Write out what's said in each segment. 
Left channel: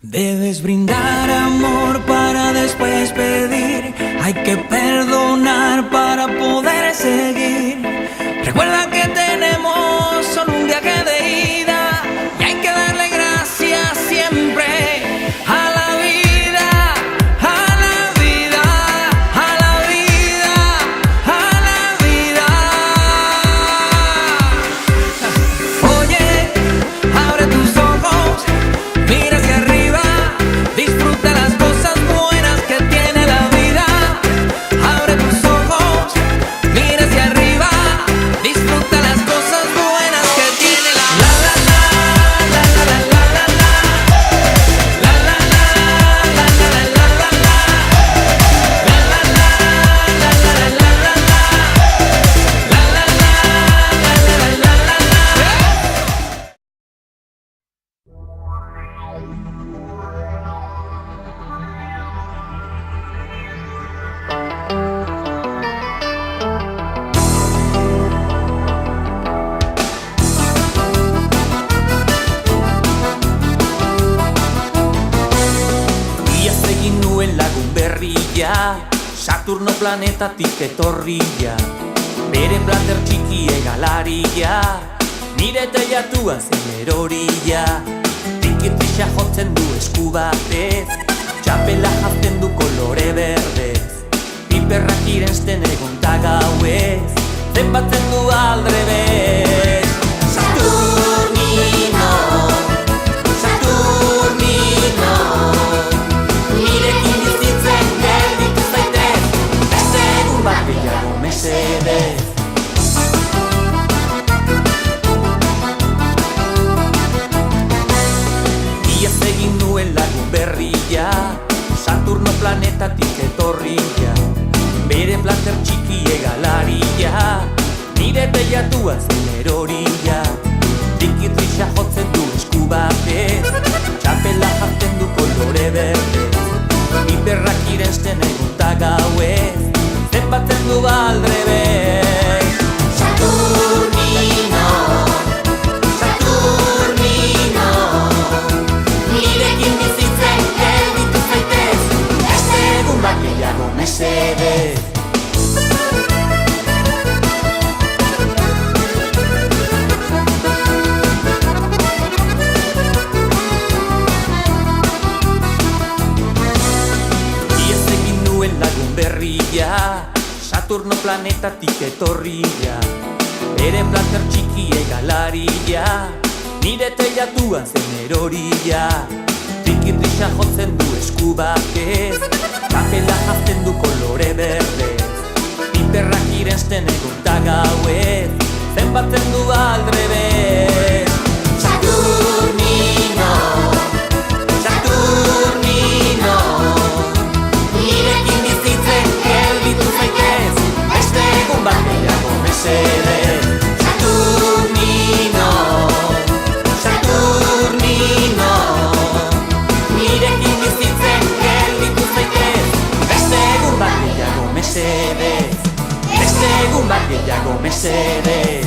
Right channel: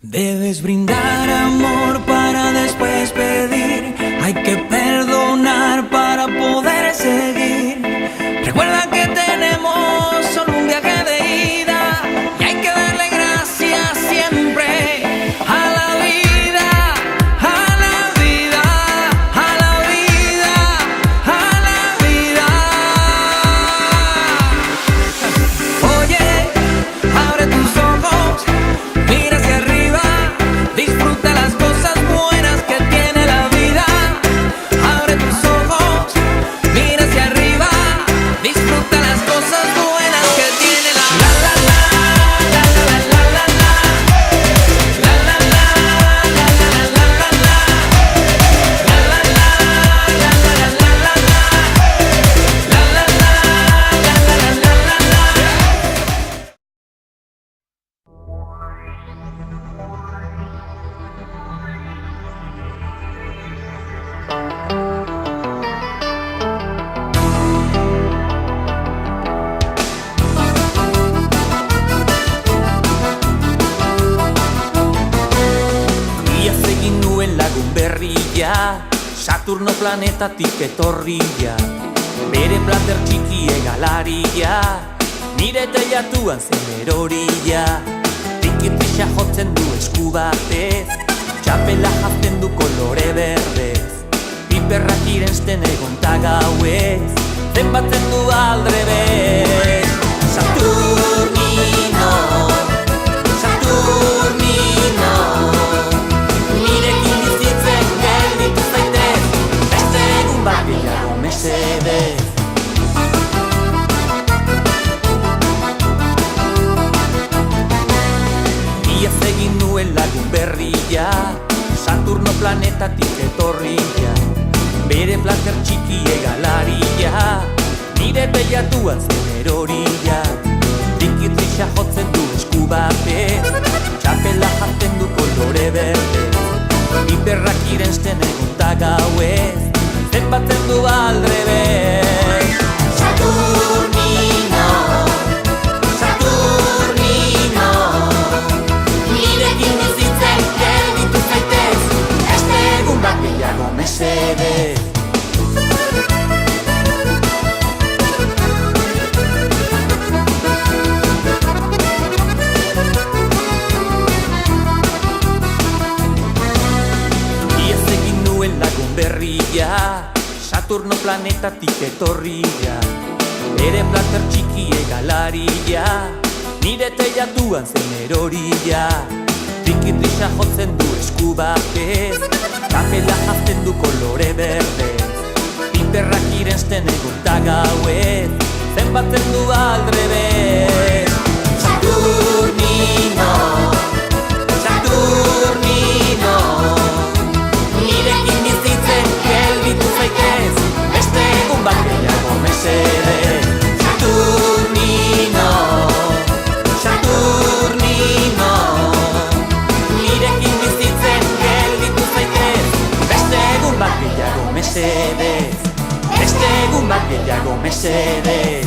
Debes brindar amor para después pedir. Hay que perdonar para poder seguir. Recuerda que tenemos solo un viaje de ida y hay que darle gracias siempre a la vida, a la vida, a la vida, a la vida. Oye, abre tus ojos, mira hacia arriba, disfruta las cosas buenas que tiene la vida. Abre tus ojos, mira hacia arriba, disfruta las cosas buenas que tiene la vida. Iaz egin nuen lagun berria, Saturno planetatik etorria, bere plater txiki egalaria, nire teilatuan zen erorila. Tikitrisa jotzen du esku batez, txapela jazten du kolore berdez, piperrak irensten egon ta gauez, zenbatzen du aldrebez. Saturnino, Saturnino, nirekin bizitzen gelditu zaitez, beste egun bat gehiago mesedez. Iaz egin nuen lagun berria, Saturno planetatik etorria, bere plater txiki egalaria, nire teilatuan zen erorila. Tikitrisa jotzen du esku batez, txapela jazten du kolore berdez, piperrak irensten egun ta gauez, zenbatzen du aldrebez. Saturnino, Saturnino, nirekin bizitzen gelditu zaitez, beste egun bat gehiago mesedez. Iaz egin nuen lagun berria, Saturno planetatik etorria, bere plater txiki egalaria, nire teilatuan zen erorila. Tikitrisa jotzen du esku batez, txapela jazten du kolore berdez, piperrak irensten egun ta gauez, zenbatzen du aldrebez. Saturnino, Saturnino, nirekin bizitzen gelditu zaitez, beste egun bat gehiago mesedez. Saturnino, Saturnino, nirekin bizitzen gelditu zaitez, beste egun bat gehiago mesedez, beste egun bat gehiago mesedez.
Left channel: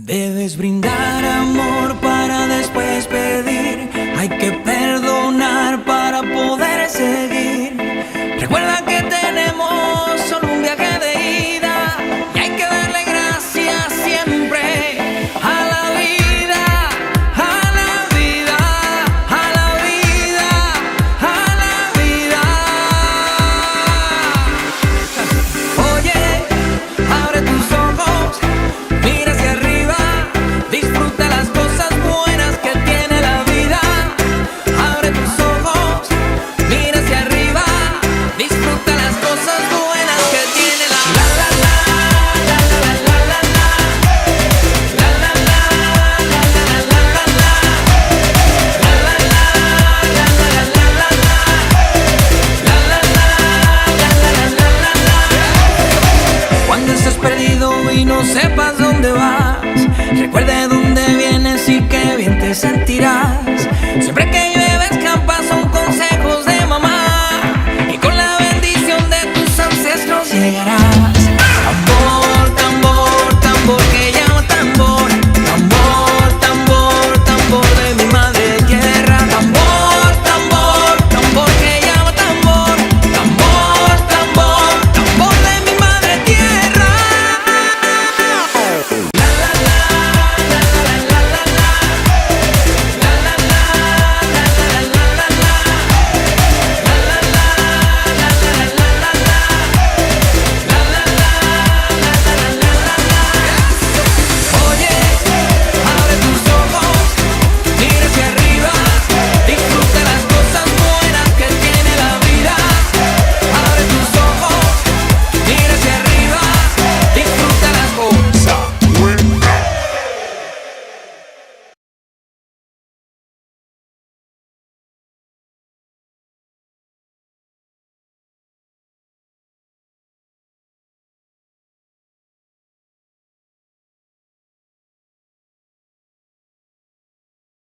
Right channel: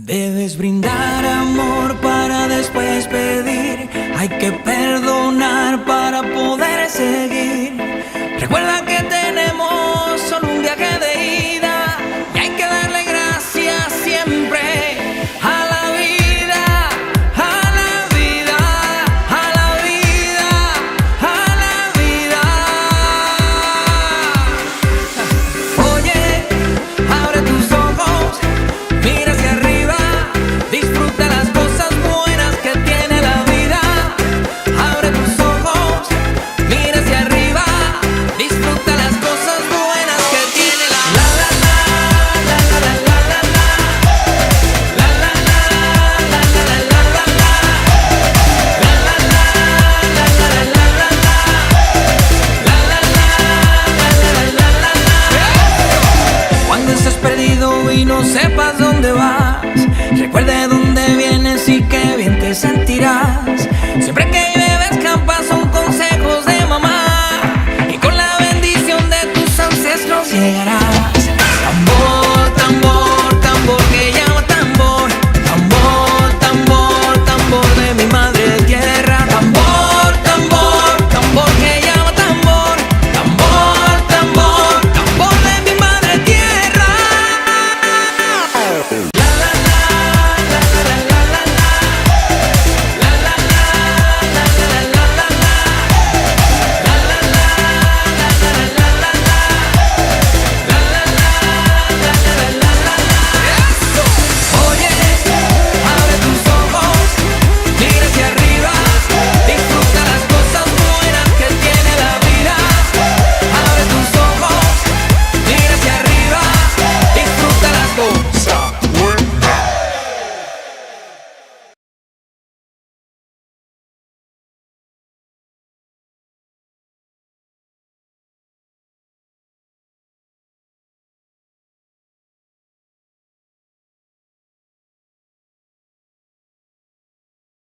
Debes brindar amor para después pedir. Hay que perdonar para poder seguir. Recuerda que tenemos solo un viaje de ida y hay que darle gracias siempre a la vida, a la vida, a la vida, a la vida. Oye, abre tus ojos, mira hacia arriba. Disfruta las cosas buenas que tiene la vida. Abre tus ojos, mira hacia arriba. Disfruta las cosas buenas que tiene la la la la la la la la la la la la la la la la. Cuando estés perdido y no sepas dónde vas, recuerda de dónde vienes y qué bien te sentirás. Siempre que llueve escampa son consejos de mamá y con la bendición de tus ancestros llegarás.